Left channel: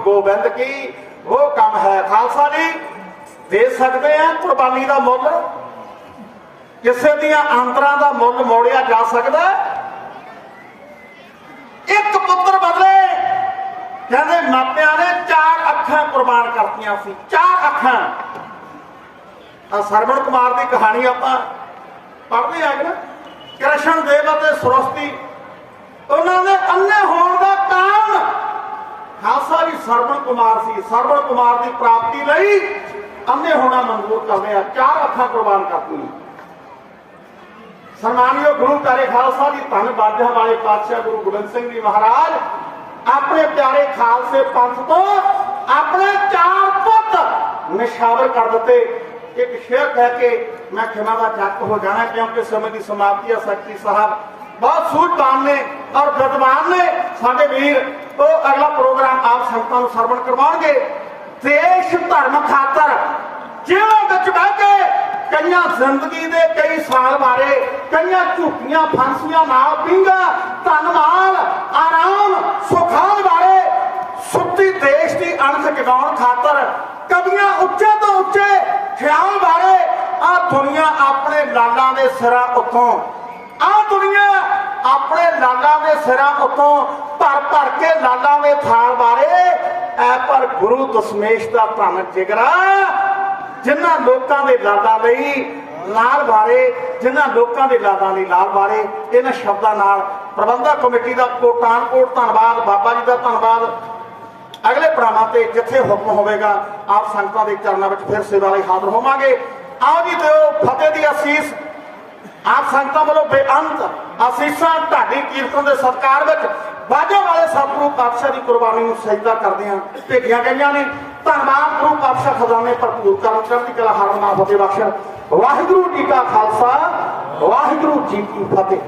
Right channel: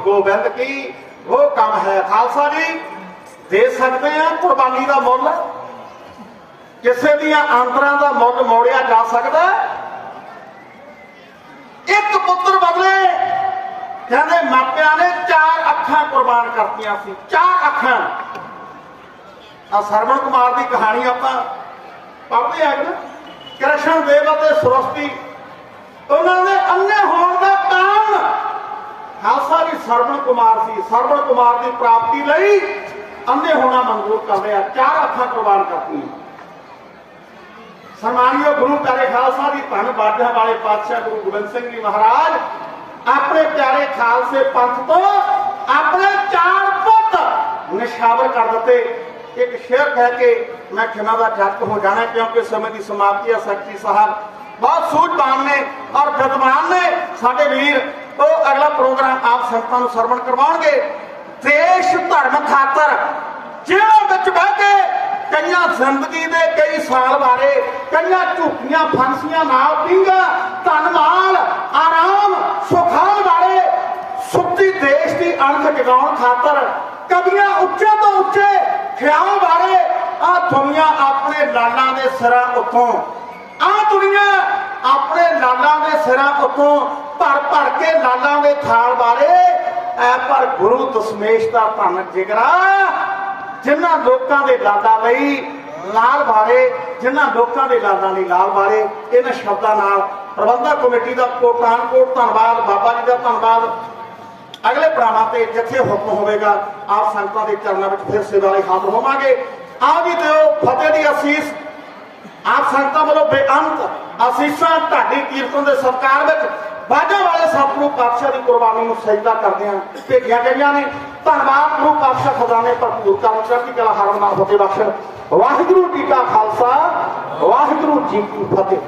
ਗੋਬਿੰਦ ਕੀ? ਉਹ ਕੰਮ ਹੈ ਖਾਲਸਾ ਜੀ। ਦੇ ਸਕਦੇ ਆ ਕੁਰਬਾਨੀ ਦਾ ਮੁੱਲ? ਕਿਸੇ ਦੀਆਂ ਆਂਦਰਾਂ ਦਾ ਮੁੱਲ ਮੋੜਿਆ ਜਾ ਸਕਦਾ ਇੱਕ ਪੁੱਤਰ ਬਦਲੇ। ਕਹਿੰਦੇ ਮਾਪਿਆਂ ਨੇ ਚਾਰ ਅੱਖਾਂ ਕੁਰਬਾਨ ਕਰਤੀਆਂ ਸੀ। ਚਾਰ ਅੱਖਾਂ। ਆ ਸਰਵਣ ਕੁਮਾਰ ਦੀ ਕਹਾਣੀ ਆਪਾਂ ਪੜ੍ਹਦੇ ਆ ਕ੍ਰਿਸ਼ਨ ਦੇਵ ਅਤੇ ਸਰਸਤੀ, ਉਹਨਾਂ ਦੇ ਅੰਨੇ ਹੋਣ ਦਾ ਕਾਰਨ ਖਾਲਸਾ ਸਰਵਣ ਕੁਮਾਰ ਸੀ। ਸਰਵਣ ਕੁਮਾਰ ਦੀ ਪ੍ਰਾਪਤੀ ਲਈ ਅੰਨੇ ਹੋਣਾ ਮਨਜ਼ੂਰ ਕਰਦੇ ਆ। ਚਾਰ ਅੱਖਾਂ ਕੁਰਬਾਨ ਕਰਤੀਆਂ ਸਨਮਾਨਯੋਗ ਗੁਰੂ ਪਿਆਰੇ ਖਾਲਸਾ ਦੀ ਧੰਨ ਬਾਜਾਂ ਵਾਲੇ ਪਾਤਸ਼ਾਹ ਗੁਰੂ ਗੋਬਿੰਦ ਸਿੰਘ ਜੀ ਮਹਾਰਾਜ, ਆਪਣੇ ਪਿਆਰੇ ਖਾਲਸੇ ਪੰਥ ਤੋਂ ਆਪਣੇ ਚਾਰ ਪੁੱਤ ਨਿਸ਼ਾਵਰ ਕਰ ਦਿੱਤੇ। ਇੱਕ ਸ਼ੇਰ ਕਹਿ ਕੇ ਮੈਂ ਖਿਮਾ ਦਾ ਚੱਕ ਹੋ ਜਾਣਾ, ਕਿਉਂਕਿ ਸਮੇਂ ਦੀ ਸਮਾਪਤੀ ਹੈ ਸਖਤੀ ਸਾਹਿਬ। ਬਹੁਤ ਸੂਝਵਾਨ ਨੇ ਔਰ ਵਿਦਵਾਨ ਨੇ ਸਾਡੇ ਵੀਰ, ਉਹ ਅਗਲਾ ਪ੍ਰੋਗਰਾਮ ਆਪ ਸੰਗਤਾਂ ਨੂੰ ਸਰਵਣ ਕਰਵਾਉਣਗੇ। ਦੇਸ਼ ਧਰਮ ਖਾਤਰ, ਜੇਲ੍ਹ ਵਿੱਚ ਬਹਿ ਕੇ ਕਈਆਂ ਜ਼ਿੰਦਗੀ ਦੇ ਕਈ ਸਾਲ ਬਾਰੇ, ਕਈਆਂ ਝੂਠੀਆਂ ਫਾਂਸੀਆਂ ਨਾਲ ਪੀਂਗਾ, ਧਨਮਾਲ, ਆਰਾਮ ਸੁਖਾਲ ਬਾਰੇ ਸੁੱਤੀ ਦੇਸ਼ ਦੀ ਅਣਖ ਜਗਾਉਣ ਖਾਤਰ ਕਦੀਆਂ ਉੱਚੇ ਤੋਂ ਉੱਚੇ ਖਿਆਲ ਬਾਰੇ ਆ ਦੁਨੀਆ ਆਪਣੇ ਲਾਲਾਂ ਦੇ ਸਿਰਾਂ ਉੱਤੋਂ ਲਾਲਾਂ ਦੇ ਸਿਰਾਂ ਉੱਤੋਂ ਭਰ ਭਰ ਕੇ ਲਾਲਾਂ ਦੇ ਥਾਲ ਬਾਰੇ। ਐ ਪਰ ਗੁਰੂ ਦਸ਼ਮੇਸ਼ ਦਾ ਧੰਨ ਜਿਗਰਾ, ਜਿਨ੍ਹਾਂ ਲੋਕਾਂ ਦੇ ਲਾਲਾਂ ਲਈ ਲਾਲ ਬਾਰੇ, ਜਿਨ੍ਹਾਂ ਲੋਕਾਂ ਦੇ ਲਾਲਾਂ ਲਈ ਲਾਲ ਬਾਰੇ, ਇਹਨਾਂ ਸ਼ਬਦਾਂ ਨਾਲ ਪ੍ਰਬੰਧਕ ਕਮੇਟੀ ਦਾ ਕੋਟਾਨ ਕੋਟ ਧੰਨਵਾਦ, ਬਾਬਾ ਜੀ ਦਾ ਧੰਨਵਾਦ। ਅਗਲੇ ਪ੍ਰਾਵਾਂ ਤੇ ਜਿੱਥੇ ਹੁਕਮ ਹੋਵੇਗਾ, ਆਪ ਸੰਗਤਾਂ ਦੇ ਚਰਨਾਂ ਵਿੱਚ ਫਿਰ ਸੇਵਾ ਲਈ ਹਾਜ਼ਰ ਹੋਵਾਂਗੇ। ਆਓ ਜੀ, ਦਿਓ ਫਤਿਹ ਦੀ ਅਸੀਸ। ਆਪ ਸੰਗਤਾਂ ਵੱਲੋਂ ਬੇਅੰਤ ਅਸੀਸਾਂ ਢਾਡੀ ਕੀਰਤਨ ਦੇ ਸਤਕਾਰ ਵਿੱਚ ਬਾਝੇ ਵਾਲੇ ਸਤਿਗੁਰੂ ਪਾਤਸ਼ਾਹ ਦੀ ਕੁਰਬਾਨੀ ਨੂੰ ਸਜਦਾ ਕਰਦੇ ਹਾਂ। ਭੇਜੀਆਂ ਗਈਆਂ ਨੇ ਧੰਨਵਾਦ ਗੁਰੂ ਪਾਤਸ਼ਾਹ ਖਜ਼ਾਨੇ ਭਰਪੂਰ ਕਰਨ ਚੜ੍ਹਦੀ ਕਲਾ ਹਰਮਨਾ ਫਤਿਹ ਬਖਸ਼ ਵਾਹਿਗੁਰੂ ਜੀ ਕਾ ਖਾਲਸਾ, ਵਾਹਿਗੁਰੂ ਜੀ ਕੀ ਫਤਿਹ।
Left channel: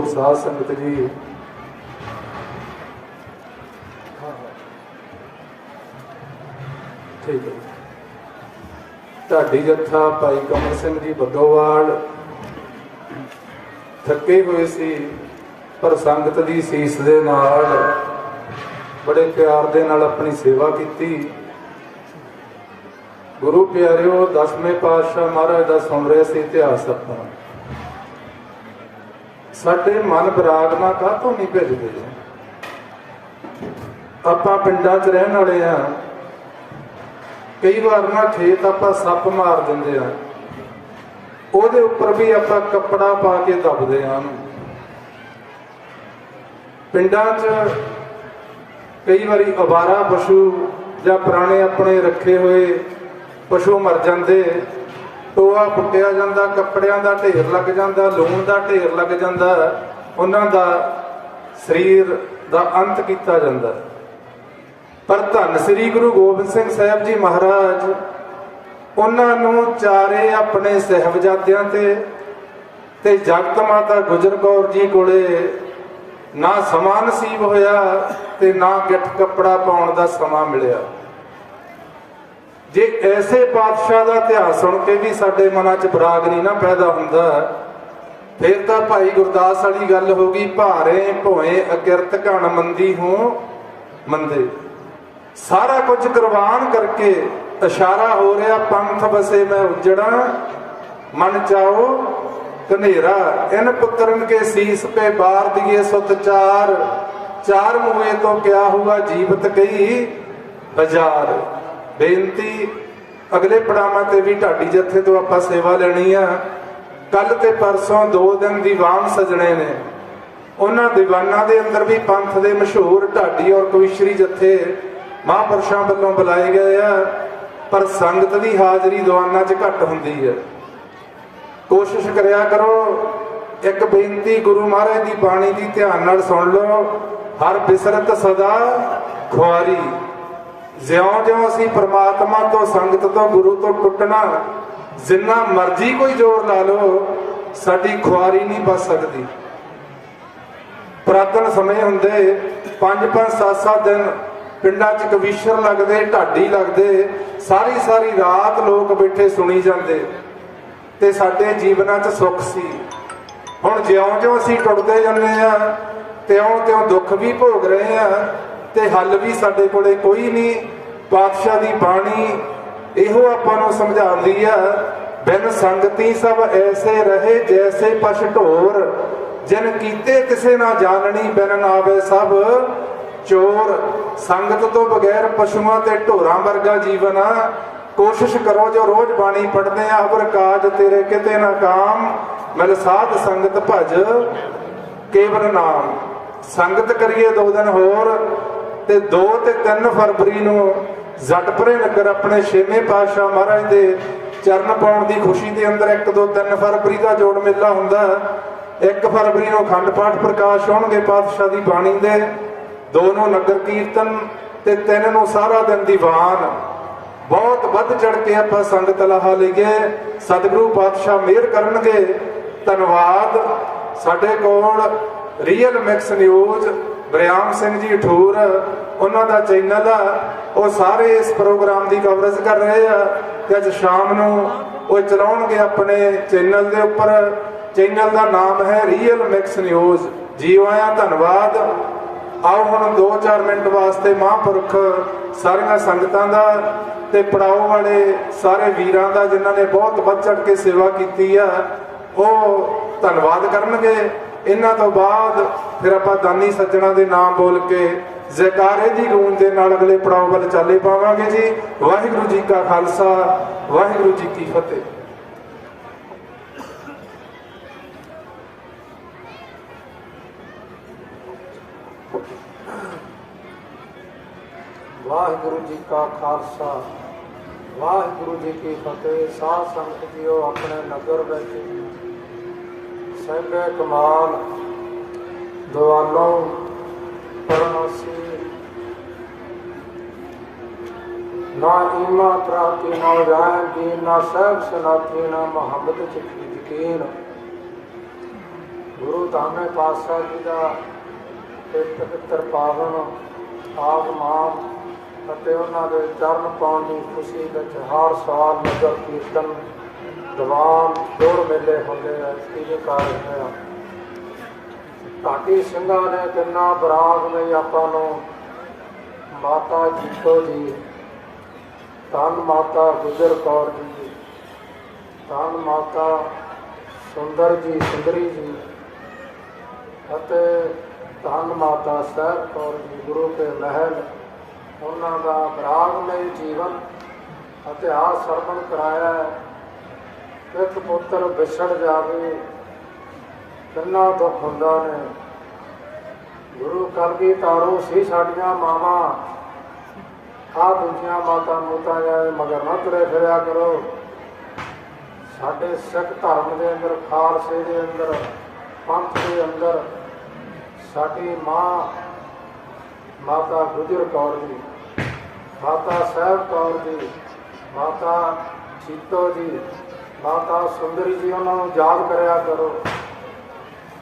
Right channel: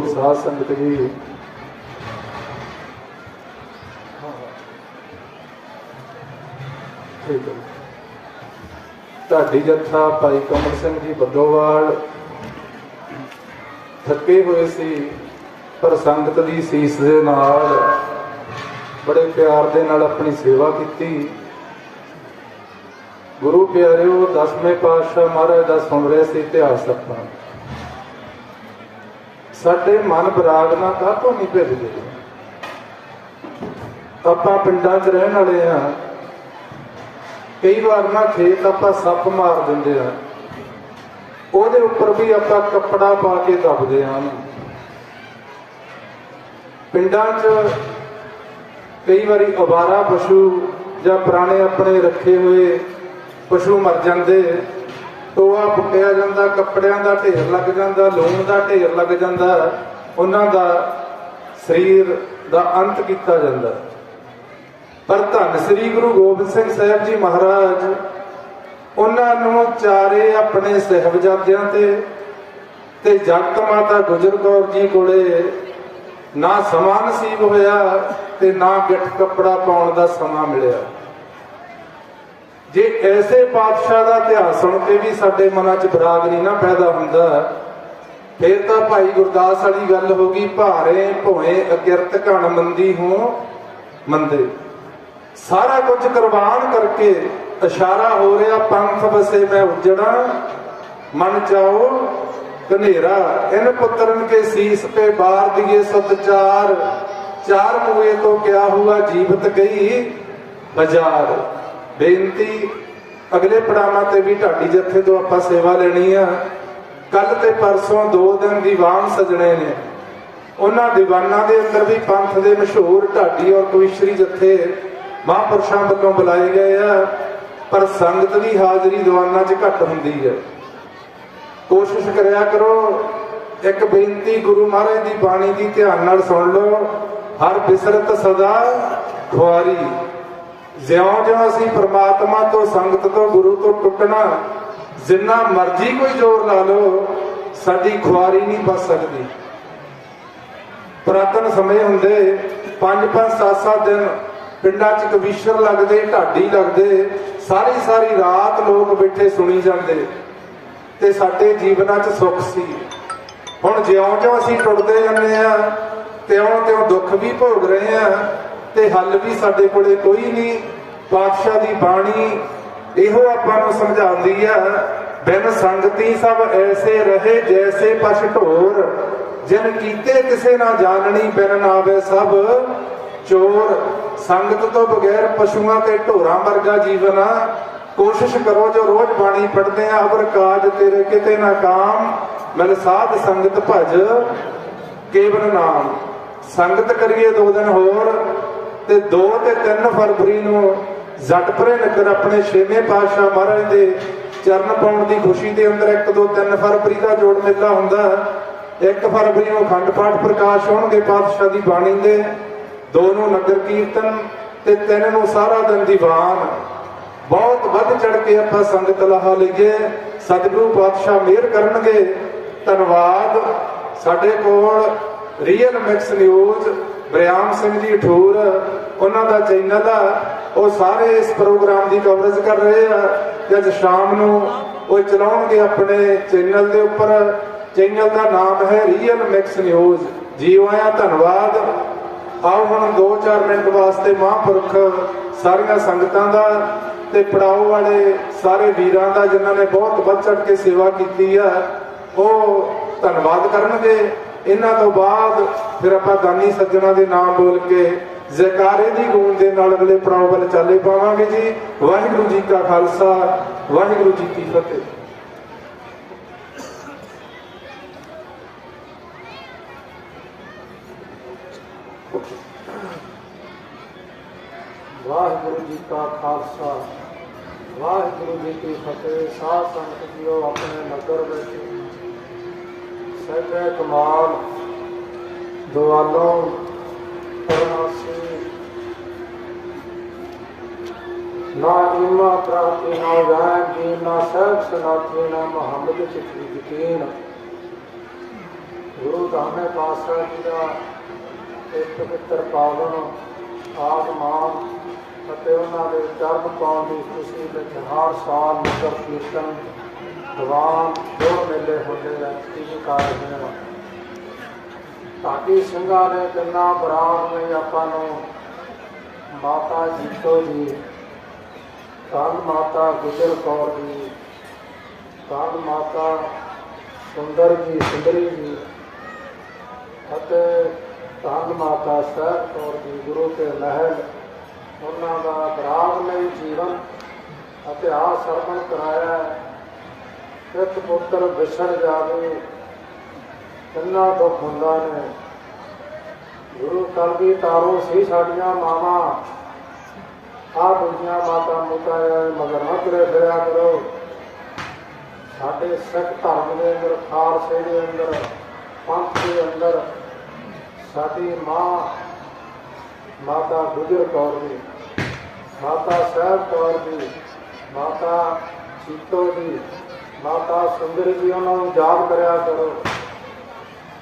ਗੁਰੂ ਸਾਧ ਸੰਗਤ ਜੀ। ਠੀਕ ਹੈ। ਢਾਡੀ ਜੱਥਾ ਭਾਈ ਕਮਲ ਸਿੰਘ ਜੀ ਬੱਦੋਵਾਲ ਥੱਕੇ ਹੋਏ ਸੀ, ਪਰ ਸੰਗਤ ਦੀ ਸੀਸ ਦੇ ਨਾਲ ਬੜੇ ਪਿਆਰ ਦੇ ਨਾਲ ਆਪਣੀ ਸੇਵਾ ਕੀਤੀ। ਗੁਰੂ ਪਿਆਰਿਓ, ਦਸਵੇਂ ਪਾਤਸ਼ਾਹ ਮਹਾਰਾਜ ਦਾ ਸੁਣ ਰਿਹਾ ਸੀ ਇਤਿਹਾਸ ਆਪਾਂ। ਸਾਡੇ ਮਨ ਬਰਾਗਨਾ ਕਾਹਤੋਂ ਨਹੀਂ ਭੇਜਦੇ? ਆਪਾਂ ਪਿੰਡਾਂ 'ਚ ਰਹਿਣ ਵਾਲੇ ਆ। ਕਈ ਵਾਰ ਨਾ ਖੇਤ ਆਪਾਂ ਸੱਪ ਮਾਰ ਦਿੰਦੇ ਆ। ਉਹਦੇ ਉੱਪਰ ਵੀ ਆਪਾਂ ਕੱਪੜਾ ਪਾ ਕੇ ਦੱਬਦੇ ਆ। ਪਿੰਡਾਂ 'ਚ ਕਈ ਵਾਰੀ ਅਵਾਰਾ ਪਸ਼ੂ ਜਾਂ ਪੁਰਾਣੇ ਆਪਣੇ ਰੱਖੇ ਹੋਏ ਪਸ਼ੂ ਮਰ ਜਾਂਦੇ। ਟੋਆ ਪੁੱਟਿਆ ਜਾਂਦਾ, ਕੱਪੜਿਆਂ ਦਾ ਢੇਰ ਲੱਗ ਜਾਂਦਾ, ਲੂਣ ਦਾ ਢੇਰ ਲੱਗ ਜਾਂਦਾ, ਉਹਨਾਂ ਦਾ ਸਰੀਰ ਦਾ ਅੰਤ ਕੀਤਾ ਜਾਂਦਾ। ਪਰ ਧੰਨ ਸ੍ਰੀ ਗੁਰੂ ਗੋਬਿੰਦ ਸਿੰਘ ਸਾਹਿਬ ਜੀ ਮਹਾਰਾਜ, ਉਹਨਾਂ ਨੂੰ ਚਾਰੇ ਆਪਣੇ ਸਹਿਬਜ਼ਾਦਿਆਂ ਤੇ ਤੇ ਜਗਤ ਮਾਤਾ ਗੁਜਰ ਕੌਰ ਜੀ ਕੋਲੇ ਨਾ ਸਮਾਂ ਨਸੀਬ ਹੋਇਆ ਤੇ ਨਾ ਗਿੱਠ ਕੱਪੜਾ ਪਾਉਣ ਦਾ ਸਮਾਂ ਮਿਲਿਆ। ਜੇ ਐਸੇ ਪਾਤਸ਼ਾਹ ਦਾ ਇਤਿਹਾਸ ਸੁਣ ਕੇ ਵੀ ਸਾਡੇ ਮਨਾਂ 'ਚ ਬਰਾਗ ਨਹੀਂ ਨਾ ਪੈਦਾ ਹੁੰਦਾ, ਫਿਰ ਤਾਂ ਭਾਈ ਗੁਰਦਾਸ ਵਾਲੀ ਗੱਲ ਹੋ ਗਈ, ਭਾਰੇ ਭੋਏ ਅਕਿਰਤ ਘਣ ਮੰਦੀ ਹੋ ਮੰਦੇ ਸਾਰਾ ਕੁਝ ਕੁਰਬਾਨ ਕਰਕੇ ਇਸ਼ਾਰਾ ਹੋ ਰਿਹਾ, ਪੰਥ ਵਸੇ ਮੈਂ ਉਜੜਾ ਮਨ ਚਾਓ ਕਨੇਰਾ ਇਨ ਪੁੱਤਰਨ ਕੇ ਸੀਸ ਤੇ ਬਾਰ ਦੀਏ ਸੁਤ ਚਾਰ ਚਾਰ ਮੂਏ ਤੋਂ ਕਿਆ ਹੁਆ ਜੀਵਤ ਗਈ ਬਾਜ਼ਾਰ। ਬੇਨਤੀ, ਅਗਲੇ ਪੜਾਵਾਂ ਤੇ ਵੀ ਢਾਡੀ ਜੱਥੇ ਤੋਂ ਆਪਾਂ ਸੇਵਾ ਲੈਣੀ ਆ। ਕੱਲ ਤੇ ਪਰਸੋਂ ਦੋ ਦਿਨ ਦੀਵਾਨ ਸਜਣੇ ਨੇ। ਉਹਨਾਂ ਦੀਵਾਨਾਂ ਦੇ ਅੰਦਰ ਵੀ ਪੰਥ ਦੇ ਮਸ਼ਹੂਰ ਢਾਡੀ ਔਰ ਕਵਿਸ਼ਰੀ ਜੱਥੇ ਮਹਾਂਪੁਰਸ਼ਾਂ ਵੱਲੋਂ ਬੁਲਾਏ ਗਏ ਆ, ਪਰ ਸੰਗਤ ਦੀ ਹਾਜ਼ਰੀ ਦੀਵਾਨਾਂ 'ਚ ਘੱਟ ਹੁੰਦੀ ਹੈ ਕੋਸ਼ਿਸ਼ ਕਰਿਆ ਕਰੋ, ਇੱਕ ਬੇਨਤੀ ਗੁਰੂ ਮਹਾਰਾਜ ਦੀ ਬਾਣੀ ਦੀ ਧਿਆਨ ਨਾਲ ਸੁਣ ਲਓ। ਹਰ ਬਿਸਰਤ ਸਦਾ ਖੁਆਰੀ। ਜਿਉਂ-ਜਿਉਂ ਅਸੀਂ ਪ੍ਰਮਾਤਮਾ ਤੋਂ, ਸੰਗਤ ਤੋਂ, ਗੁਰੂ ਤੋਂ ਟੁੱਟਣਾ ਜਿੰਨਾ ਮਰਜ਼ੀ ਕੋਈ ਜ਼ੋਰ ਲਾ ਲਓ, ਸਾਡੀ ਖੁਆਰੀ ਨਹੀਂ ਬਚ ਸਕਦੀ। ਪ੍ਰਾਤਨ ਸਮੇਂ ਹੁੰਦੇ ਪੰਜ ਪੰਜ ਸੱਤ ਸੱਤ ਦਿਨ ਪਿੰਡਾਂ 'ਚ ਕਵੀਸ਼ਰ ਲੱਗਦੇ, ਢਾਡੀ ਲੱਗਦੇ, ਸਾਰੀ ਸਾਰੀ ਰਾਤ ਲੋਕ ਬੈਠੇ ਸੁਣੀ ਜਾਂਦੇ ਤੇ ਸਾਡੇ ਜੀਵਨਾਂ 'ਚ ਸੁੱਖ ਸੀ। ਹੁਣ ਜਿਉਂ-ਜਿਉਂ ਅਸੀਂ ਟੁੱਟਦੇ ਜਾਂਦੇ ਆ ਤਿਉਂ-ਤਿਉਂ ਦੁੱਖ ਵੀ ਭੋਗ ਰਹੇ ਆ ਤੇ ਹੱਲ ਵੀ ਸਾਡੇ ਕੋਲੇ ਕੋਈ ਨਹੀਂ ਪਾਤਸ਼ਾਹ ਦੀ ਬਾਣੀ ਇਹੋ ਆਪਾਂ ਨੂੰ ਸਮਝਾਉਂਦੀ ਆ, ਬਿਨ ਸੰਗਤੀ ਸਭ ਐਸੇ ਰਹੇ ਜੈਸੇ ਪਛ ਢੋਰ। ਜਿਨ ਕੀਤੇ ਕਿਸੇ ਨਾ ਜਾਣਨੀ, ਬਿਨ ਨਾਵੇ ਸਭ ਚੋਰ। ਸੰਗਤ ਤੋਂ ਬਗੈਰ ਪਸ਼ੂਆਂ ਤੇ ਢੋਰਾਂ ਵਰਗਾ ਜੀਵਨ ਆ। ਕੋਸ਼ਿਸ਼ ਕਰੋ ਜੋ ਰੋਜ਼ ਬਾਣੀ ਪੜਦੇ ਆ ਅਗਰ ਕਾਜ ਤੇਰੇ ਕਿਤੇ ਨਾ ਕਾਮ। ਮਿਲ ਸਾਧ ਸੰਗਤ ਭਜ ਕੇਵਲ ਨਾਮ। ਸੰਗਤ ਕਰੀਏ ਦੋ ਦਿਨ ਹੋਰ ਤੇ 2 ਤੇ 3 ਫਰਵਰੀ ਨੂੰ ਜੱਟਪੁਰੇ ਨਗਰ ਆਪਣੇ ਛੇਵੇਂ ਪਾਤਸ਼ਾਹ ਮਹਾਰਾਜ ਦੇ ਚਰਨ ਪਾਉਣ ਦੀ ਖੁਸ਼ੀ ਦੇ ਅੰਦਰ 1 2 3 ਫਰਵਰੀ ਦਾ ਜੋੜ ਮੇਲਾ ਹੁੰਦਾ 1 ਫਰਵਰੀ ਨੂੰ ਅਖੰਡ ਪਾਠ ਪ੍ਰਕਾਸ਼ ਹੋਣਗੇ ਪਾਤਸ਼ਾਹ ਦੀ ਬਾਣੀ ਦੇ। ਦੋ ਨੂੰ ਨਗਰ ਕੀਰਤਨ ਤੇ ਤਿੰਨ ਨੂੰ ਸਾਰਾ ਦਿਨ ਦੀਵਾਨ ਬਹੁਤ ਵੱਧ ਚੜ ਕੇ ਆਪਾਂ ਸੰਗਤ ਲਾਹਾ ਲਈਏ। ਸਤਿਗੁਰੂ ਪਾਤਸ਼ਾਹ ਮਿਹਰ ਕਰਨਗੇ। ਧੰਨਵਾਦ। ਸਾਡੇ ਕੋਲ real mix news Bariam Singh ji Thur, ਉਹਨਾਂ ਦਾ ਚੈਨਲ ਆ, ਉਹ ਸਾਰੇ ਇਸ ਪ੍ਰੋਗਰਾਮ ਦੀ ਕਵਰੇਜ ਕਰ ਰਹੇ ਆ ਤੇ ਅੱਜ ਸ਼ਾਮ ਨੂੰ ਉਹ ਚਲਾਉਣਗੇ ਆਪਣੇ ਚੈਨਲ ਦੇ ਉੱਪਰ। ਚੈਨਲ ਦਾ ਨਾਮ ਹੈ ਰੀਅਲ ਮਿਕਸ ਨਿਊਜ਼ ਜੀਓ ਆਇਆਂ, ਧੰਨਵਾਦ। ਆਓ ਹੁਣ 2-4 ਮਿੰਟ ਵਾਸਤੇ ਮਹਾਂਪੁਰਖ ਸਾਰੀਆਂ ਸੰਗਤਾਂ ਦਾ ਤੇ ਪੜਾਉ ਵਾਲੇ ਸਾਰੇ ਵੀਰਾਂ ਦਾ, ਜਿਨ੍ਹਾਂ ਨੇ ਬਹੁਤ ਵੱਧ ਚੜ ਕੇ ਸੇਵਾ ਕੀਤੀ ਆ, ਉਹ ਧੰਨਵਾਦ ਕਰਨਗੇ। ਇਹਨਾਂ ਤੋਂ ਬਾਅਦ ਫਿਰ ਆਪਾਂ ਦਾਨੀ ਸੱਜਣਾ ਦੇ ਨਾਮ ਬੋਲ ਕੇ ਜ਼ੈਕਾਰੇ ਦੀ ਗੂੰਜ ਦੇ ਨਾਲ ਅਗਲੇ ਪੜਾਅ ਵੱਲ ਚਾਲੇ ਪਾਵਾਂਗੇ ਜੀ। ਵਾਹਿਗੁਰੂ ਜੀ ਕਾ ਖਾਲਸਾ, ਵਾਹਿਗੁਰੂ ਜੀ ਕੀ ਫਤਿਹ। ਵਾਹਿਗੁਰੂ ਜੀ ਕਾ ਖਾਲਸਾ, ਵਾਹਿਗੁਰੂ ਜੀ ਕੀ ਫਤਿਹ। ਸਾਧ ਸੰਗਤ ਜੀਓ, ਆਪਣੇ ਨਗਰ ਵਿੱਚ ਸਭੇ ਕਮਾਲ, ਦੁਆਲੋਂ ਪਰਨਾਸੀ ਨਾ ਇਮਾ ਪ੍ਰਾਪਤੀ ਨਾ ਜਾਨ ਜੀ ਨਾ ਸਹਿਬ ਸੁਨਾਤੀ ਨਾ ਮੁਹੰਮਦ ਚਿੱਤੀ ਯਕੀਨ। ਗੁਰੂ ਧਾਮੇ ਪਾਤਸ਼ਾਹ ਜੀ ਦਾ ਇਹ ਪਵਿੱਤਰ ਪਾਵਨ ਆਤਮਾਨ ਅਤੇ ਉਹਨਾਂ ਦੇ ਚਰਨ ਪਾਉਣ ਦੀ ਖੁਸ਼ੀ ਵਿੱਚ ਹਰ ਸਾਲ ਨਗਰ ਕੀਰਤਨ ਦੀਵਾਨ ਜੋੜ ਮੇਲੇ ਹੁੰਦੇ ਆ ਇਹ ਕਾਰਨ ਹੈ ਢਾਡੀ ਸਿੰਘਾਂ ਨੇ ਕਿੰਨਾ ਬਰਾਗ ਨੇ ਆਪਾਂ ਨੂੰ ਮਾਤਾ ਜੀਤੋ ਜੀ ਧੰਨ ਮਾਤਾ ਗੁਜਰ ਕੌਰ ਜੀ ਧੰਨ ਮਾਤਾ ਸੁੰਦਰ ਜੀ, ਸੁੰਦਰੀ ਜੀ, ਅਤੇ ਧੰਨ ਮਾਤਾ ਸਾਹਿਬ ਕੌਰ ਜੀ, ਗੁਰੂ ਤੇ ਮਹਿਲ, ਉਹਨਾਂ ਦਾ ਬਰਾਗਮਈ ਜੀਵਨ, ਇਤਿਹਾਸ ਸਰਵਣ ਕਰਾਇਆ। ਹੈ। ਇੱਕ ਪੁੱਤਰ ਵਿਛੜ ਜਾਵੇ ਕਿੰਨਾ ਦੁੱਖ ਹੁੰਦਾ ਨੇ ਗੁਰੂ ਕਰਦੀ ਤਾਰੋ ਸੀ ਸਾਡੀਆਂ ਮਾਵਾਂ ਆ ਦੂਜੀਆਂ ਮਾਤਾ ਮੁਤਾਇਆ ਮਗਰ ਨਾ ਤੁਰੇ ਫਿਰਿਆ ਕਰੋ ਸਾਡੇ ਸਿੱਖ ਧਰਮ ਦੇ ਅੰਦਰ ਖਾਲਸੇ ਦੇ ਅੰਦਰ, ਪੰਥ ਦੇ ਅੰਦਰ, ਸਾਡੀ ਮਾਂ, ਮਾਤਾ ਗੁਜਰ ਕੌਰ ਜੀ ਮਾਤਾ ਸਾਹਿਬ ਕੌਰ ਜੀ ਮਾਤਾ ਸੀਤੋ ਜੀ ਮਾਤਾ ਸੁੰਦਰੀ ਜੀ ਉਹਨਾਂ ਨੂੰ ਯਾਦ ਕਰਿਆ ਕਰੋ।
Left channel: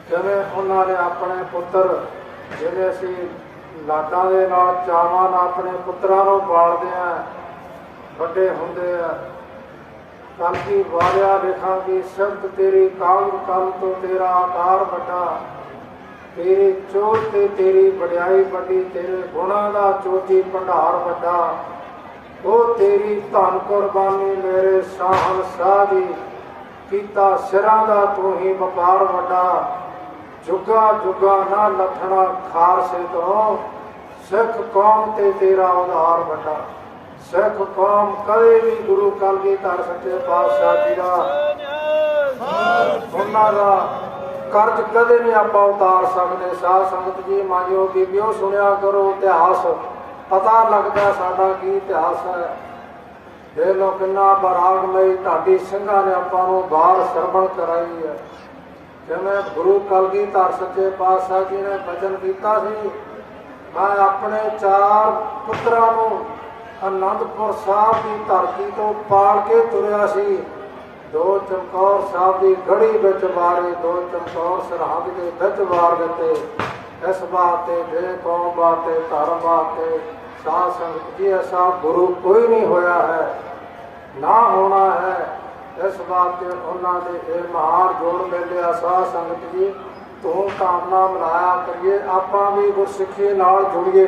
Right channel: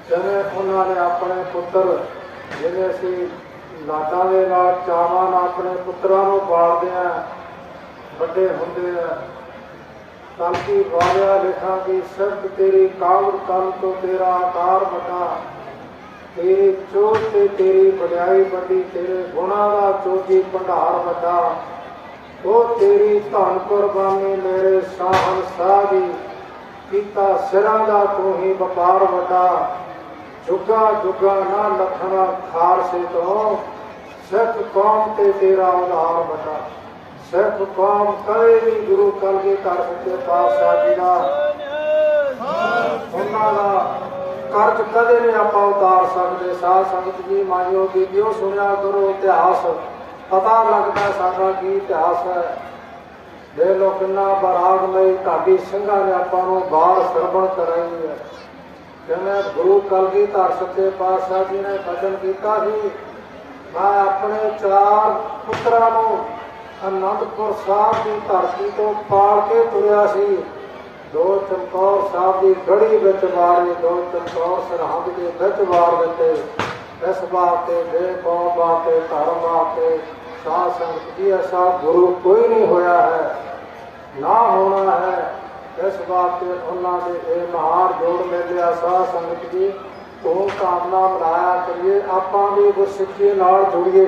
ਜਿਵੇਂ ਉਹਨਾਂ ਨੇ ਆਪਣੇ ਪੁੱਤਰ, ਜਿਹੜੇ ਅਸੀਂ ਲਾਡਾਂ ਦੇ ਨਾਲ, ਚਾਵਾਂ ਨਾਲ ਆਪਣੇ ਪੁੱਤਰਾਂ ਨੂੰ ਪਾਲਦੇ ਆ ਵੱਡੇ ਹੁੰਦੇ ਆ ਕਲਕੀ ਵਾਰਿਆ ਲਿਖਾਂਗੀ ਸਿਰਫ ਤੇਰੀ ਕਾਲ ਕਲ ਤੋਂ ਤੇਰਾ ਆਕਾਰ ਵੱਡਾ, ਤੇਰੀ ਚੋਟ ਤੇ ਤੇਰੀ ਵਡਿਆਈ ਵੱਡੀ, ਤੇਰੇ ਗੁਣਾਂ ਦਾ ਚੋਟੀ ਭੰਡਾਰ ਵੱਡਾ। ਉਹ ਤੇਰੀ ਧਨ ਕੁਰਬਾਨੀ ਮੇਰੇ ਸਾਹਨ ਸਾਦੀ ਕੀਤਾ ਸਿਰਾਂ ਦਾ ਤੂੰ ਹੀ ਵਪਾਰ ਵੱਡਾ। ਜੁਗਾ ਜੁਗਾ ਨਾ ਲਖਣਾ ਖਾਲਸੇ ਤੋਂ। ਸਿੱਖ ਕੌਮ ਤੇ ਤੇਰਾ ਉਧਾਰ ਵੱਡਾ। ਸਿੱਖ ਕੌਮ ਕਦੇ ਵੀ ਗੁਰੂ ਕਲਗੀ ਕਰ ਸੱਚੇ ਪਾਤਸ਼ਾਹ ਜੀ ਦਾ ਉਹਨਾਂ ਦਾ ਕਰਜ਼ ਕਦੇ ਨਹੀਂ ਆਪਾਂ ਉਤਾਰ ਸਕਦੇ। ਸਾਧ ਸੰਗਤ ਜੀ, ਮੰਨਿਓ ਬੀਬੀਓ, ਸੁਣਿਆ ਕਰੋ ਇਤਿਹਾਸ। ਪਤਾ ਲੱਗਦਾ ਸਾਡਾ ਕੀ ਇਤਿਹਾਸ ਹੈ। ਦੇ ਲੋ ਕਿੰਨਾ ਬਰਾਗਮਈ ਢਾਡੀ ਸਿੰਘਾਂ ਨੇ ਆਪਾਂ ਨੂੰ ਬਾਹਰ ਸਰਵਣ ਕਰਾਈ ਹੈ। ਜਿਵੇਂ ਗੁਰੂ ਕਲਗੀ ਧਰ ਸੱਚੇ ਪਾਤਸ਼ਾਹ ਜੀ ਨੇ ਬਚਨ ਕੀਤਾ ਸੀ। ਮੈਂ ਆਪਣੇ ਚਾਰ ਪੁੱਤਰਾਂ ਨੂੰ ਅਨੰਦਪੁਰ ਸਾਹਿਬ ਦੀ ਧਰਤੀ ਤੋਂ ਪਾਲ ਕੇ ਤੁਰਿਆ ਸੀ। ਦੋ ਚਮਕੌਰ ਸਾਹਿਬ ਦੀ ਗੜੀ ਵਿੱਚ ਮਾਰੇ ਦੋ ਚਮਕੌਰ ਸਰਹੰਦ ਦੇ ਵਿੱਚ ਵਾਰ ਦਿੱਤੇ। ਇਸ ਬਾਤੇ ਦੇ ਕੌਮ ਬਾਤੇ ਧਰਮ ਬਾਤੇ ਸਾਧ ਸੰਗਤ ਜੀ ਐਸਾ ਗੁਰੂ ਕੋਈ ਨਹੀਂ ਹੋਇਆ ਹੈ, ਨਾ ਹੋਣਾ ਹੈ। ਇਸ ਬਾਤ ਤੇ ਉਹਨਾਂ ਦੇ ਇਹ ਮਹਾਨ ਜੋੜ ਮਿਲਿਆ ਸਾਧ ਸੰਗਤ ਜੀ। ਤੋਂ ਕਾਮਨਾ ਮਨਾਇਆ ਕਰੀਏ, ਆਪਾਂ ਵੀ ਗੁਰਸਿੱਖੀ ਨਾਲ ਜੁੜੀਏ,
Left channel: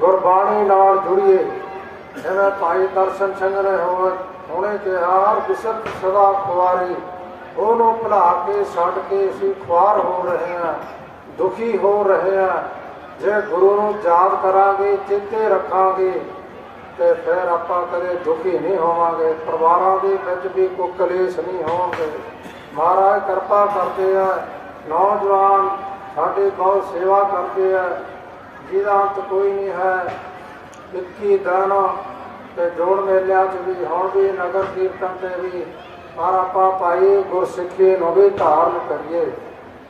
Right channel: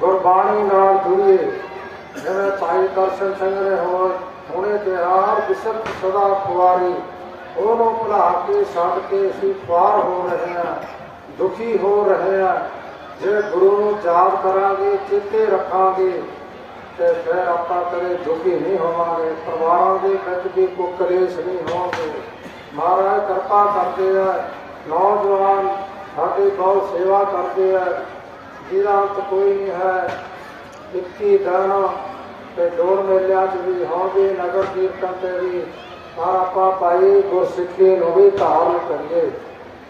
ਗੁਰਬਾਣੀ ਨਾਲ ਜੁੜੀਏ। ਜਿਵੇਂ ਭਾਈ ਦਰਸ਼ਨ ਸਿੰਘ ਨੇ ਹੋਣ, ਹੁਣੇ ਕਿਹਾ ਬਿਸਤ ਸਦਾ ਖੁਆਰੀ ਉਹਨੂੰ ਭੁਲਾ ਕੇ ਛੱਡ ਕੇ ਅਸੀਂ ਖੁਆਰ ਹੋ ਰਹੇ ਹਾਂ, ਦੁਖੀ ਹੋ ਰਹੇ ਹਾਂ। ਜੇ ਗੁਰੂ ਨੂੰ ਯਾਦ ਕਰਾਂਗੇ, ਚੇਤੇ ਰੱਖਾਂਗੇ, ਤੇ ਫਿਰ ਆਪਾਂ ਕਦੇ ਦੁਖੀ ਨਹੀਂ ਹੋਵਾਂਗੇ। ਪਰਿਵਾਰਾਂ ਦੇ ਵਿੱਚ ਵੀ ਕੋਈ ਕਲੇਸ਼ ਨਹੀਂ ਹੋਣਗੇ। ਮਹਾਰਾਜ ਕਿਰਪਾ ਕਰਦੇ ਆ, ਨੌਜਵਾਨ ਸਾਡੀ ਬਹੁਤ ਸੇਵਾ ਕਰਦੇ ਆ। ਜਿਹਦਾ ਅੰਤ ਕੋਈ ਨਹੀਂ ਹੈ, ਇੱਕੀ ਦਾਨ ਤੇ ਜੋੜ ਮੇਲਿਆਂ 'ਚ ਵੀ ਹੋਣਗੇ, ਨਗਰ ਕੀਰਤਨ ਤੇ ਵੀ। ਪਰ ਆਪਾਂ ਭਾਈ ਗੁਰਸਿੱਖੀ ਨੂੰ ਵੀ ਧਾਰਨ ਕਰੀਏ।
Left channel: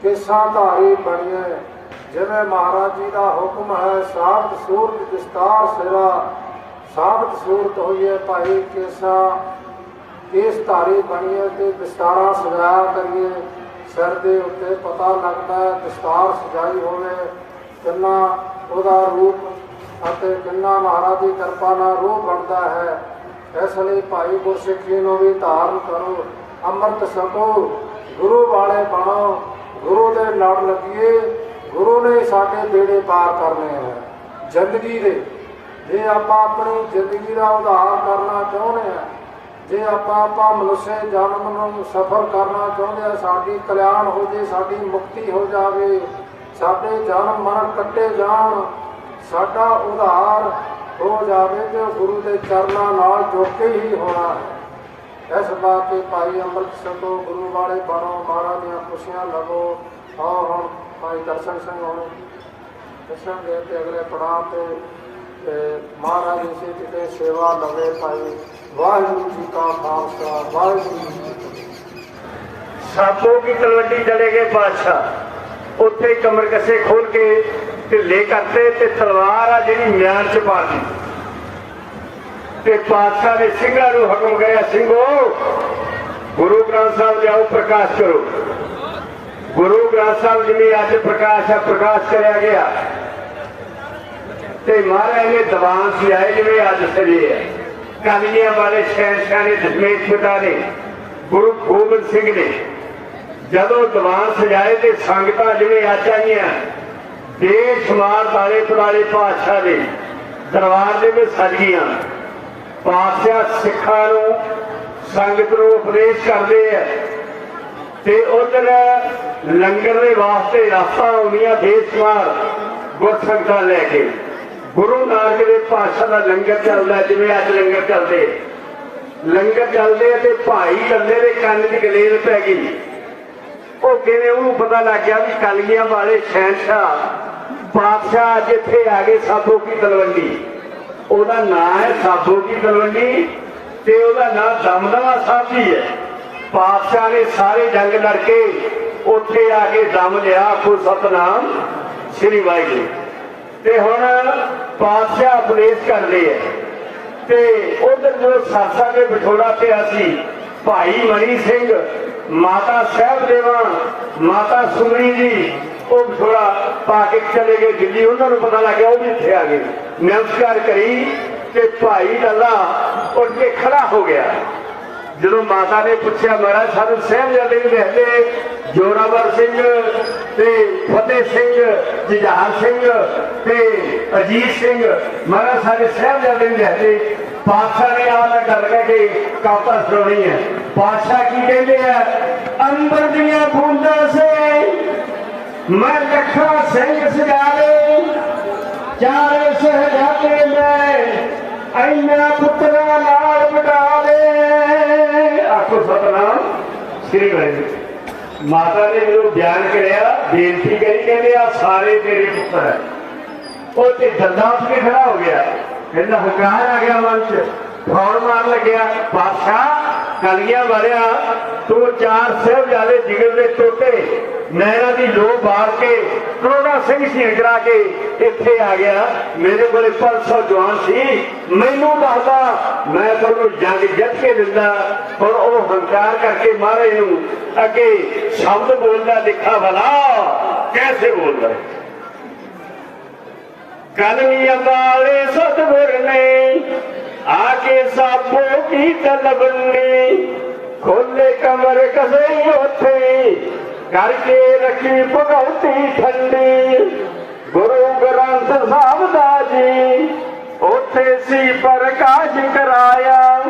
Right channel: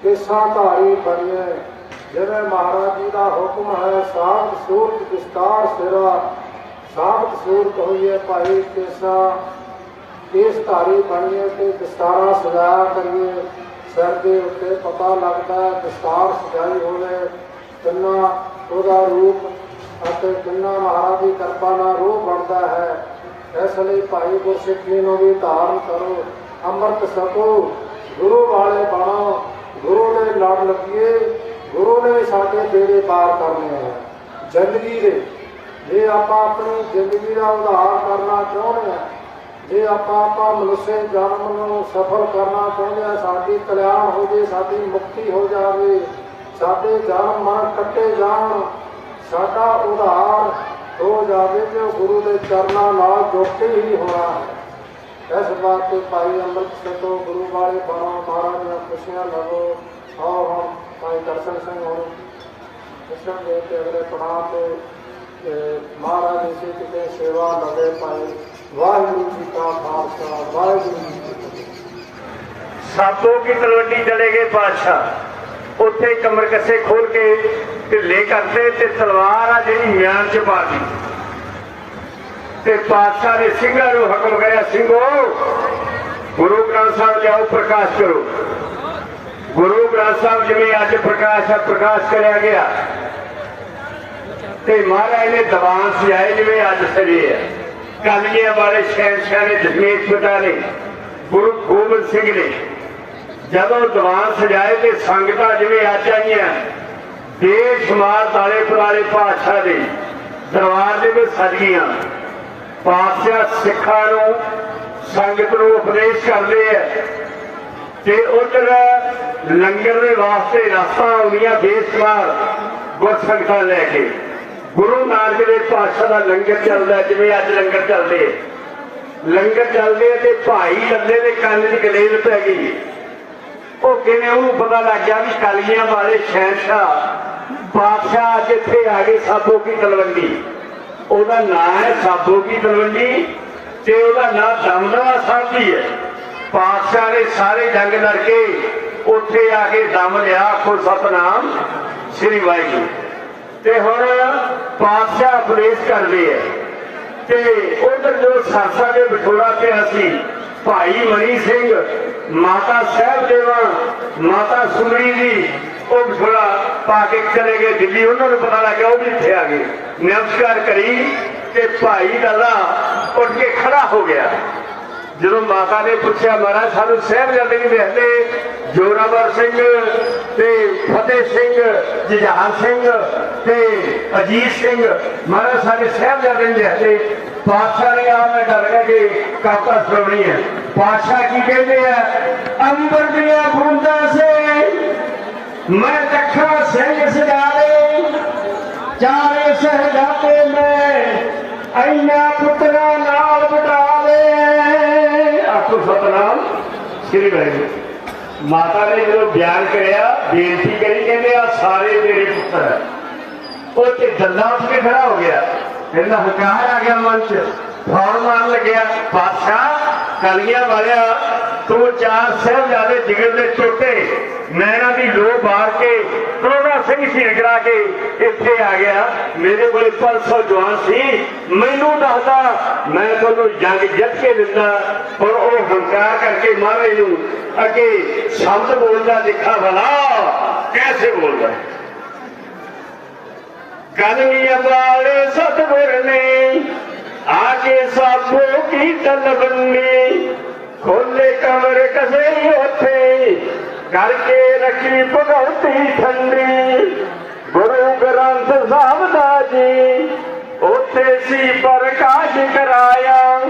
ਕਿਸਾਂ ਧਾਰੀ ਬਣੀਏ। ਜਿਵੇਂ ਮਹਾਰਾਜ ਜੀ ਦਾ ਹੁਕਮ ਹੈ, ਸਾਬਤ ਸੂਰਤ ਵਿਸਤਾਰ ਸੇਵਾ। ਸਾਬਤ ਸੂਰਤ ਹੋਈਏ ਭਾਈ ਕਿਸਾ। ਕੇਸ ਧਾਰੀ ਬਣੀਏ ਤੇ ਦਸਤਾਰਾਂ ਸਜਾਇਆ ਕਰੀਏ। ਸਿਰ ਦੇ ਉੱਤੇ ਪਤਾ ਲੱਗਦਾ ਹੈ ਦਸਤਾਰ ਸਜਾਈ ਹੋਵੇ। ਕਿੰਨਾ ਉਹਦਾ ਰੂਪ ਅਤੇ ਕਿੰਨਾ ਮਹਾਰਾਜ ਦੀ ਕਿਰਪਾ ਨਾਲ ਰੂਪ ਬਣਦਾ ਹੈ। ਇਸ ਲਈ ਭਾਈ ਗੁਰਸਿੱਖੀ ਨੂੰ ਵੀ ਧਾਰਨ ਕਰੋ। ਅੰਮ੍ਰਿਤ ਛਕੋ। ਗੁਰੂ ਵਾਲੇ ਬਣੋ। ਗੁਰੂ ਦੇ ਲੜ ਲੱਗੀਏ। ਗੁਰੂ ਨੇ ਸਾਡੇ ਬੇੜੇ ਪਾਰ ਕਰਨੇ ਆ। ਜ਼ਿੰਦਗੀ ਦੇ। ਜੇ ਆਪਾਂ ਆਪਣੀ ਜ਼ਿੰਦਗੀ ਦਾ ਉਧਾਰ ਕਰਨਾ ਚਾਹੁੰਦੇ ਹਾਂ ਜੇ ਆਪਾਂ ਆਪਾਂ ਮਨੁੱਖੇ ਜਨਮ ਨੂੰ ਸਫਲ ਕਰਨਾ ਚਾਹੁੰਦੇ ਹਾਂ ਸਾਡੀ ਕਲਿਆਣ ਹੋ ਜੇ, ਸਾਡੀ ਮੁਕਤੀ ਹੋ ਜਾਵੇ, ਸਾਡੇ ਜਨਮ ਮਰਨ ਕੱਟੇ ਜਾਣ, ਸਾਡਾ ਉਧਾਰ ਹੋ ਜਾਵੇ ਜੋ ਗੁਰੂ ਦੇ ਚਰਨਾਂ ਨਾਲ ਜੁੜ ਕੇ ਹੀ ਹੋਣਾ ਹੈ। ਇਸ ਬਾਤ ਤੇ ਭਾਈ ਅੰਮ੍ਰਿਤ ਛਕੋ ਗੁਰੂ ਵਾਲੇ ਬਾਰਾਂ ਮਹਾਰਾਜ ਦੀਆਂ ਖੁਸ਼ੀਆਂ ਲਵੋ। ਆਓ ਹਮ ਭਾਈ ਦਰਸ਼ਨ ਸਿੰਘ ਹੋਣ ਦੱਸਾਂਗੇ ਤੇ ਅਗਲੇ ਪੜਾਅ ਤੇ ਮਹਾਰਾਜ ਜੀ ਕਿਤੇ ਸੇਵਾ ਲਵੇ ਭਾਈ। ਵਾਹਿਗੁਰੂ ਜੀ ਕਾ ਖਾਲਸਾ, ਵਾਹਿਗੁਰੂ ਜੀ ਕੀ ਫਤਿਹ। ਸਾਪੋ ਕੀ ਤਲਵੰਡੀ ਚਲੇ ਗਏ ਬਾਦਸ਼ਾਹ ਉੱਥੇ ਕਮਰ ਕੱਸੇ ਖੋਲ ਕੇ ਢਿੱਲੇ ਕਰਤੇ ਤੇ ਤਲਵਾਰ ਆ ਜਿਹੜੀ ਮਿਆਨ ਚ ਮਾਰਦੀ ਤੇ ਪਾਤਸ਼ਾਹ ਨੇ ਸਿੰਘਾਂ ਨੂੰ ਹੁਕਮ ਕਰਿਆ, ਸਿੰਘੋ, ਗੁਰੂ ਗ੍ਰੰਥ ਸਾਹਿਬ ਜਾਓ, ਪ੍ਰਕਾਸ਼ ਕਰੋ। ਗੁਰੂ ਗ੍ਰੰਥ ਸਾਹਿਬ ਜਿਵੇਂ ਅੱਜ ਪ੍ਰਕਾਸ਼ ਆ, ਪ੍ਰਕਾਸ਼ ਕਰਿਆ ਗਿਆ। ਤੇ ਮਹਾਰਾਜ ਨੇ ਦੀਵਾਨ ਸਜਾਏ ਜਿਵੇਂ ਅੱਜ ਸਜੇ ਆ। ਕਲਗੀਆਂ ਵਾਲੇ ਸ਼ਹਿਨਸ਼ਾਹ ਨੇ ਦਸ਼ਮੇਸ਼ ਪਿਤਾ ਨੇ। ਗੁਰੂ ਗੋਬਿੰਦ ਸਿੰਘ ਨੇ ਜਦੋਂ ਦੀਵਾਨ ਸਜਾਏ ਤੇ ਸੰਗਤਾਂ ਜਿਵੇਂ ਅੱਜ ਆਈਆਂ, ਦੇਸ਼ ਮਾਰ ਵਾਲੇ ਪੁਰਾਣੇ ਪਾਤਸ਼ਾਹ ਦੇ ਦਰਬਾਰ ਦੇ ਵਿੱਚ ਸਜ ਗਈਆਂ। ਪਾਤਸ਼ਾਹ ਸਿੱਖਾਂ ਨੂੰ ਸੰਗਤ ਨੂੰ ਉਪਦੇਸ਼ ਕਰਦੇ ਆ। ਤੇ ਉਧਰ ਲੰਗਰ ਦੇ ਵਾਸਤੇ ਰਸਤਾ ਆਉਂਦੀਆਂ ਬੇਸ਼ੁਮਾਰ ਗੁਰਸੰਗਤਾਂ ਲੈ ਕੇ। ਗੁਰੂ ਨਾਨਕ ਦੇ ਪਾਤਸ਼ਾਹ ਦਾ ਲੰਗਰ ਚੱਲਦਾ, ਜਿਵੇਂ ਅੱਜ ਲੰਗਰ ਚੱਲਦੇ ਲੰਗਰ ਚੱਲਦੇ ਤੇ ਭਾਈ ਲੱਲੇ ਦੇ ਕੰਨ 'ਚ ਗਲੇਲ ਪੈ ਗਈ। ਉਹ ਕਿਵੇਂ ਉਹਨੂੰ ਪਤਾ ਲੱਗ ਗਿਆ ਵੀ ਕਲਗੀਆਂ ਵਾਲੇ ਸ਼ਹਿਨਸ਼ਾਹ ਬਾਦਸ਼ਾਹ ਜਿੱਥੇ ਆ ਗਏ ਸਾਬੋ ਕੀ ਤਲਵੰਡੀ। ਉਹਦਾ ਨਾਂ ਹੈ ਸਾਬੋ ਕੀ ਤਲਵੰਡੀ ਤੇ ਉਹਦਾ ਨਾਂ ਦਮਦਮਾ ਸਾਹਿਬ ਜੀ ਹੈ। ਪਾਤਸ਼ਾਹ ਨੇ ਸਾਰੇ ਜੰਗ ਲੜ ਕੇ ਉੱਥੇ ਆ ਕੇ ਦਮ ਲਿਆ ਆਖੋ ਸਤਨਾਮ ਸ੍ਰੀ ਵਾਹਿਗੁਰੂ। ਤੇ ਹੁਣ ਬਾਦਸ਼ਾਹ ਉਪਦੇਸ਼ ਕਰਦੇ ਹੈ ਤੇ ਉਧਰ ਜੋ ਸਰਸਾ ਦੇ ਵਿਛੋੜਾ ਪਿਆ ਸੀ ਭਾਈ ਮਨੀ ਸਿੰਘ, ਮਾਤਾ ਸਾਹਿਬ ਦੇਵਾ ਮਾਤਾ ਸੁਮਣੀ ਜੀ, ਉਹ ਵਿਛੋੜਾ ਪਾ ਕੇ ਚਲੇ ਗਏ ਦਿੱਲੀ। ਉਹਨਾਂ ਨੂੰ ਪਤਾ ਲੱਗਿਆ ਉਹ ਵੀ ਇੱਥੇ ਆ ਗਏ। ਨਮਸਕਾਰ ਕਰੀ ਤੇ ਭਾਈ ਲੱਲਾ ਉੱਠ ਕੇ ਖੜਾ ਹੋ ਗਿਆ। ਜਦੋਂ ਮਾਤਾ ਨੇ ਪੁੱਛਿਆ, ਮਹਾਰਾਜ, ਸਾਨੂੰ ਸਾਹਿਬਜ਼ਾਦੇ ਵੀ ਲਿਖਦੇ ਜੋਰਾਵਰ ਸਿੰਘ ਤੇ ਫਤਿਹ ਸਿੰਘ, ਜੁਝਾਰ ਸਿੰਘ ਤੇ ਅਜੀਤ ਸਿੰਘ, ਮਹਾਰਾਜ, ਸਾਡੇ ਸਾਹਿਬਜ਼ਾਦੇ ਵੀ ਲਿਖਦੇ ਪਾਤਸ਼ਾਹ ਨੇ ਆਪ ਨਾਲ ਗੱਲ ਕਰਕੇ ਕਾਪਾ ਸੁਣਾਉਣੀ ਹੈ। ਪਾਤਸ਼ਾਹ ਕੀ ਕਹਿੰਦੇ ਆ? ਅੰਦਰ ਦੀਆਂ ਬੂੰਦਾਂ ਸੇ ਮੈਂ ਲੱਖਾਂ ਸਿੰਘ ਸਜਾਲੇ ਚਾਰੇ ਸਹਜਾਦੇ ਮੈਂ ਐਨਾ ਪੁੱਤਰਾਂ ਆਖੋ ਸਤਨਾਮ, ਸ੍ਰੀ ਵਾਹਿਗੁਰੂ। ਮਾਤਾ ਨੇ ਜਦੋਂ ਬਿਆਨ ਕਰਿਆ, ਬੇਨਤੀ ਕਰੀ, ਕਹਿੰਦੇ ਆ, ਸਾਰੇ ਤੇਰੇ ਪੁੱਤਰ ਹੈ ਉਹ ਤੇ ਗੱਲਾਂ ਵੀ ਖੜਾ ਹੋ ਗਿਆ। ਕਹਿੰਦਾ, ਹੰਕਾਰ ਆ ਗਿਆ ਮਨ ਚ। ਫੌਰ ਮਾਰਨ ਲੱਗਿਆ। ਬਾਦਸ਼ਾਹ ਕਲੀਆਂ ਵਾਲਿਆ ਤੂੰ ਚਾਰ ਸਾਹਿਬ ਜਿਗਰ ਦੇ ਟੋਟੇ ਮੈਂ ਇਹਨਾਂ ਦੀ ਲੋਹ ਮਾਰ ਕੇ ਕਰੋਨਾ ਸਿੰਘ ਸ਼ਹੀਦ ਕਰਾ ਕੇ ਇੱਥੇ ਆ ਗਿਆ। ਮੇਰੇ ਕੋਲੇ 500 ਜਵਾਨ ਸੀ। ਮੈਨੂੰ ਦੱਸਦਾ, ਮੈਂ ਤੁਹਾਨੂੰ ਜੰਗ ਜਿੱਤ ਕੇ ਦਿੰਦਾ। ਪਰ ਉਹ ਹੰਕਾਰ ਕਰਕੇ ਮਹਾਰਾਜ ਨੂੰ ਅੱਗੇ ਸ਼ਬਦ ਬੋਲਦਾ, ਦਿਖਾ ਭਲਾ ਕੈਸੇ ਬੋਲਦਾ। ਕਲਮੀਆਂ ਵਾਲੇ ਸਤਿਗੁਰ ਨੇ, ਆ ਕੇ ਸਾਬੋ ਕੀ ਤਲਬ ਨੇ ਖੋਲੇ ਕਮਰ ਕਸੇ ਉੱਥੇ ਕਰਕੇ ਰੱਖੀ ਭਗਉਤੀ ਠੰਡੀ। ਗੁਰੂ ਗ੍ਰੰਥ ਸਾਹਿਬ ਦਾ ਜੀ, ਉੱਥੇ ਸੀ ਪ੍ਰਕਾਸ਼ ਕਰਾਇਆ।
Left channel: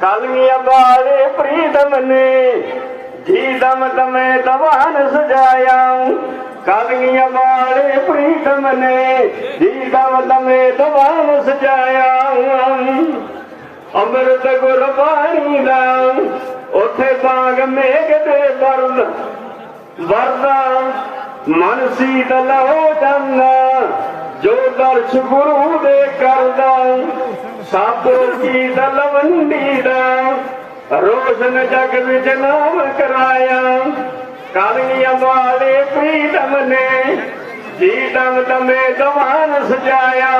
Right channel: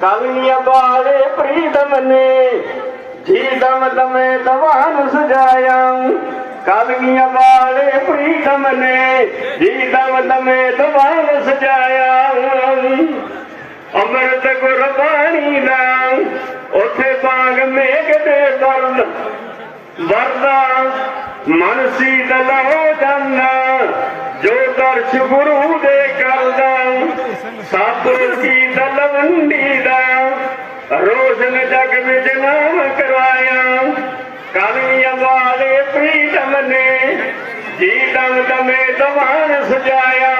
ਕਲਮੀਆਂ ਵਾਲੇ ਪ੍ਰੀਤਮ ਨੇ ਜੀ ਦਮ ਦਮੇ ਦਵਾਨ ਸਜਾਇਆ। ਕਲਗੀਆਂ ਵਾਲੇ ਪ੍ਰੀਤਮ ਨੇ ਜੀ ਦਮ ਦਮੇ ਦਵਾਨ ਸਜਾਇਆ। ਅੰਮ੍ਰਿਤ ਗੁਰਬਾਣੀ ਦਾ ਉੱਥੇ ਬਾਗ ਮੇਘ ਦੇ ਦਰਦ ਵਰਦਾ ਮਨ ਸੀਤਲ ਹੋ ਜਾਨਾ, ਜੋ ਦਰਸ਼ ਗੁਰੂ ਦੇ ਕਰਦਾ ਸਭ ਕੀ ਦਲਵੰਡੀ ਦਾ ਰੋਸ਼ਨ ਜਗ ਵਿੱਚ ਨਾਮ ਕਰਾਇਆ। ਕਾਲੀਆਂ ਵਾਲੇ ਪ੍ਰੀਤਮ ਨੇ ਜੀ ਦਮ ਦਮੇ ਦਵਾਨ ਸਜਾਇਆ।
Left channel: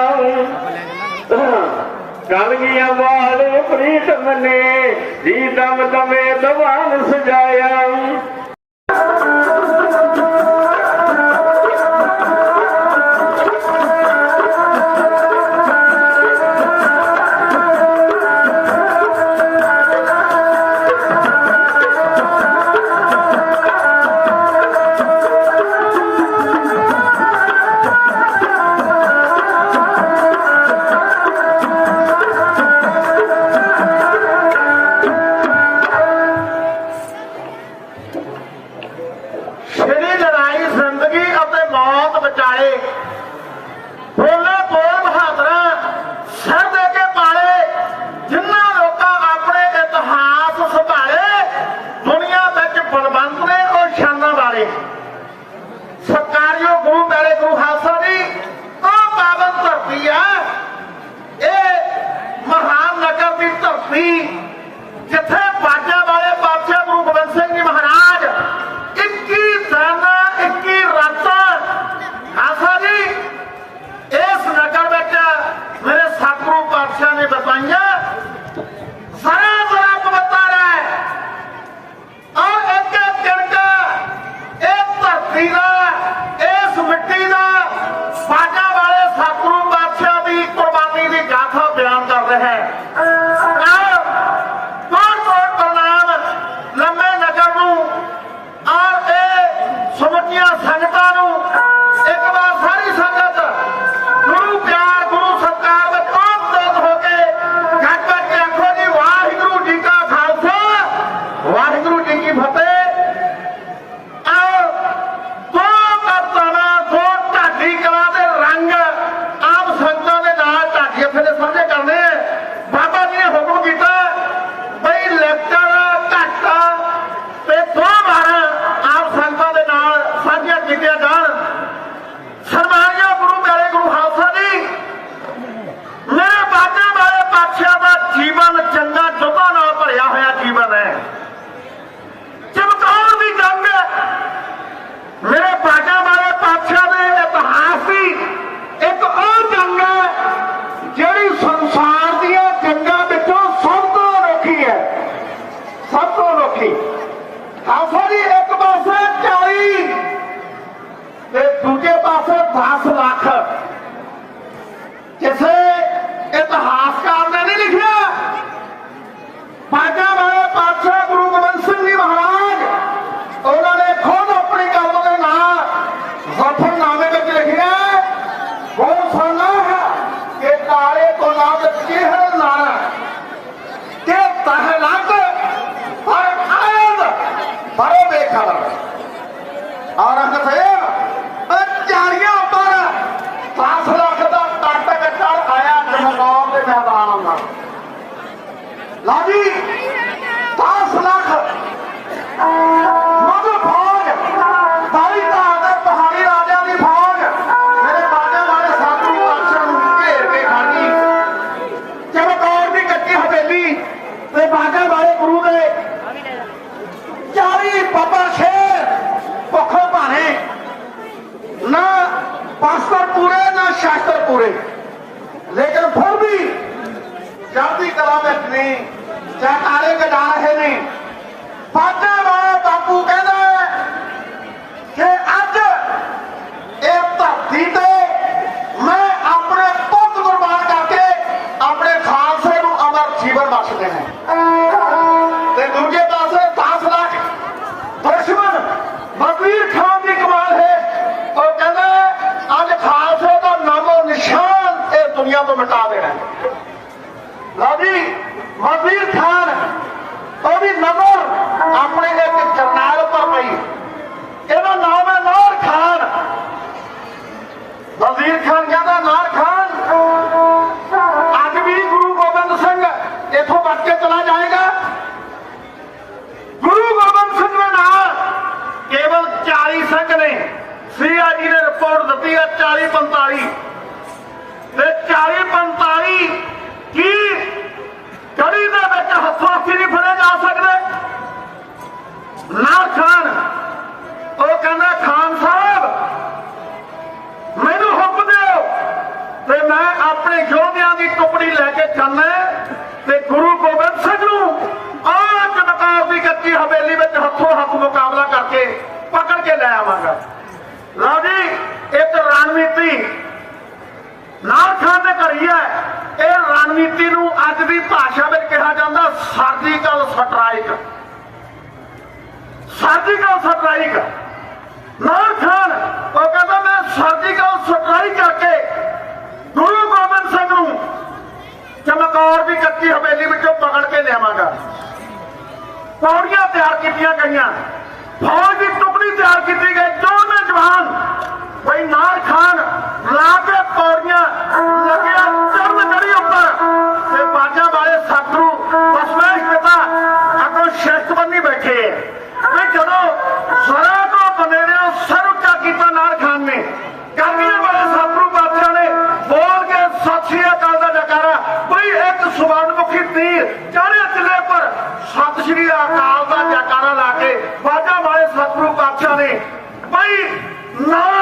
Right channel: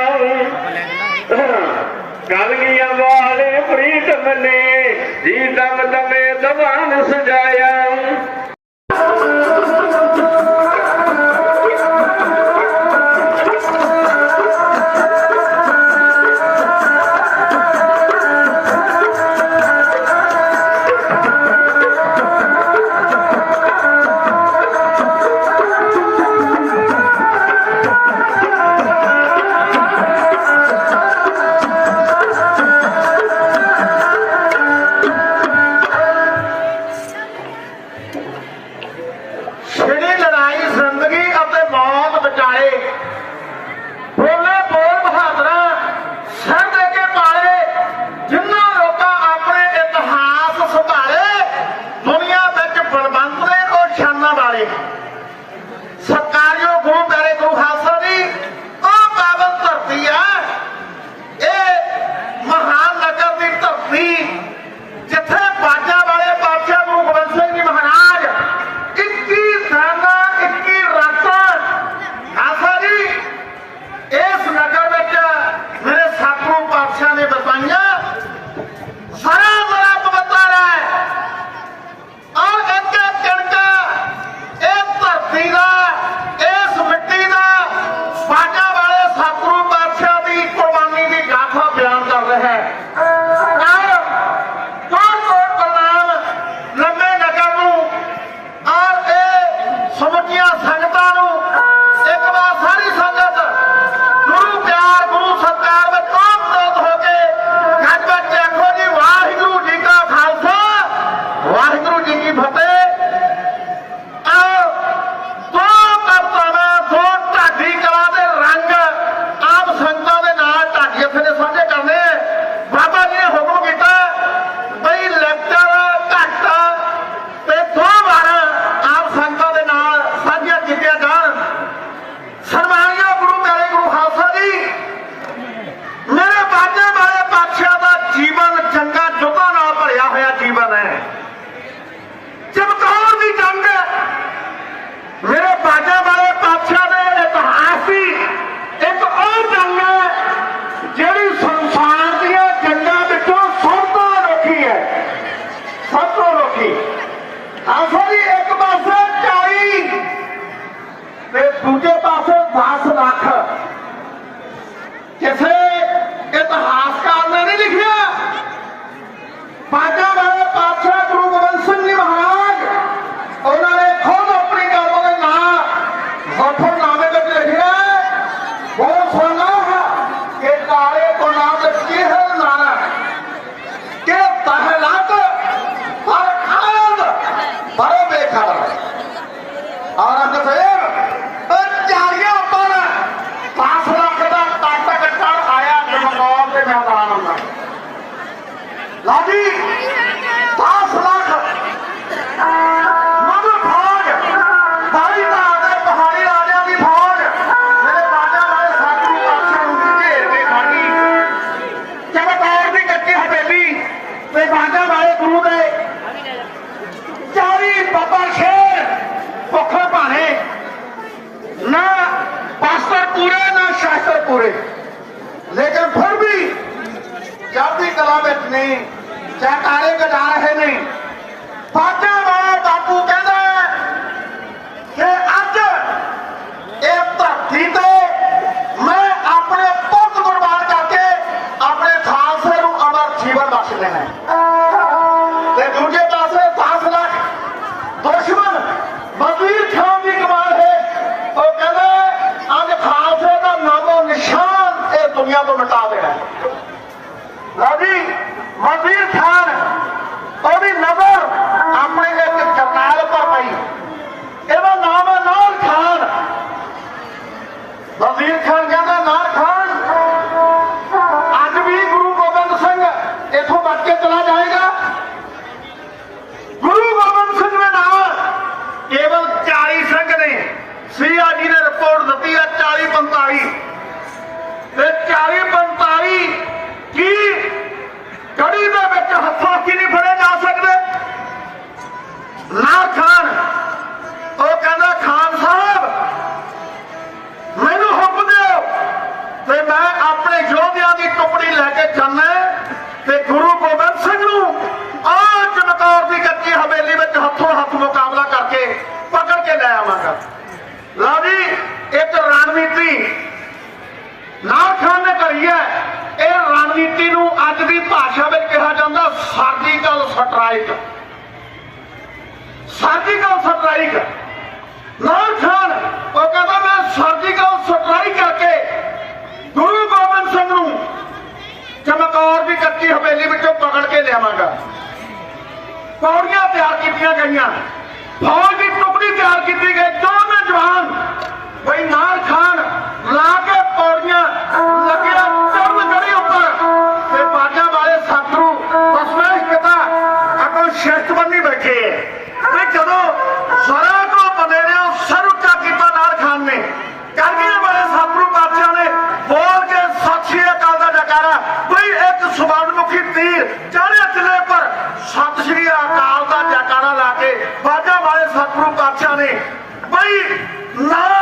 ਕਾਲੀਆਂ ਵਾਲੇ ਪ੍ਰੀਤਮ ਨੇ ਜੀ ਦਮ ਦਮੇ ਦਵਾਨ ਸਜਾਇਆ। ਅਨੋਖੀ ਹੈ। ਸਭ ਤੋਂ ਲੋਕੀ ਆਸਾ ਜੀ, ਇੱਕ ਪਾਸੇ 40 ਤੇ ਦੂਜੇ ਪਾਸੇ 10 ਲੱਖ। ਰਣਨੀਤੀ ਨੂੰ ਅੱਜ ਦੀ ਭਾਸ਼ਾ ਵਿੱਚ ਕਿਹਾ ਜਾਂਦਾ ਸਰਜੀਕਲ ਸਟ੍ਰਾਈਕ। Surgical strike. ਨਾਮ ਖਾਨ ਉਹ ਕਹਿੰਦਾ ਮੈਂ ਸਰਜੀਕਲ ਸਟ੍ਰਾਈਕ ਕਰਕੇ ਗੁਰੂ ਗੋਬਿੰਦ ਸਿੰਘ ਨੂੰ ਚਮਕੌਰ ਦੀ ਕੱਚੀ ਹਵੇਲੀ ਵਿੱਚੋਂ ਪਕੜ ਕੇ ਲਿਆਵਾਂਗਾ। ਪੌੜੀਆਂ ਤਿਆਰ ਕੀਤੀਆਂ ਗਈਆਂ। ਫੌਜ ਦੀ ਟੁਕੜੀ ਤਿਆਰ ਕੀਤੀ ਗਈ। ਦੋਵੇਂ ਜਵਾਨ ਬਈ ਨਾਰ ਖਾਨ ਲਾ ਕੇ ਪੌੜੀਆਂ ਲੱਗਿਆ ਚੜਨ ਗੜੀ ਉੱਪਰ। ਤੇ ਬਾਜਾ ਵਾਲੇ ਸਾਧੂ ਬਸਵੇਂ ਪਿਤਾ ਅੱਗੋਂ ਸ਼ਿਸ਼ਟਬੰਦੀ ਬੈਠੇ। ਤੇ ਜਦੋਂ ਜ਼ਰਾ ਕੋ ਬੰਦੇ ਨੇ ਸਿਰ ਉੱਚਾ ਕੀਤਾ ਨਾਰ ਖਾਨ ਨੇ। ਕਰਨੀਆਂ ਵਾਲੇ ਸਾਧੂ ਬਾਦਸ਼ਾਹ ਨੇ ਬੋਲ ਕੇ ਸਤਿ ਸ਼੍ਰੀ ਅਕਾਲ ਦਾ ਜਕਾਰਾ ਬਈ ਇੱਕ ਸੁਵਰਨਮੁਖੀ ਤੀਰ ਚੜ੍ਹਿਆ ਚਲੇ ਪਰ ਸਤਿ ਸ਼੍ਰੀ ਅਕਾਲ ਦਾ ਜਕਾਰਾ ਲਾ ਕੇ ਬਾਜਾ ਵਾਲੇ ਸਤਿਗੁਰੂ ਪਾਤਸ਼ਾਹ ਨੇ ਬਈ ਨਾਰ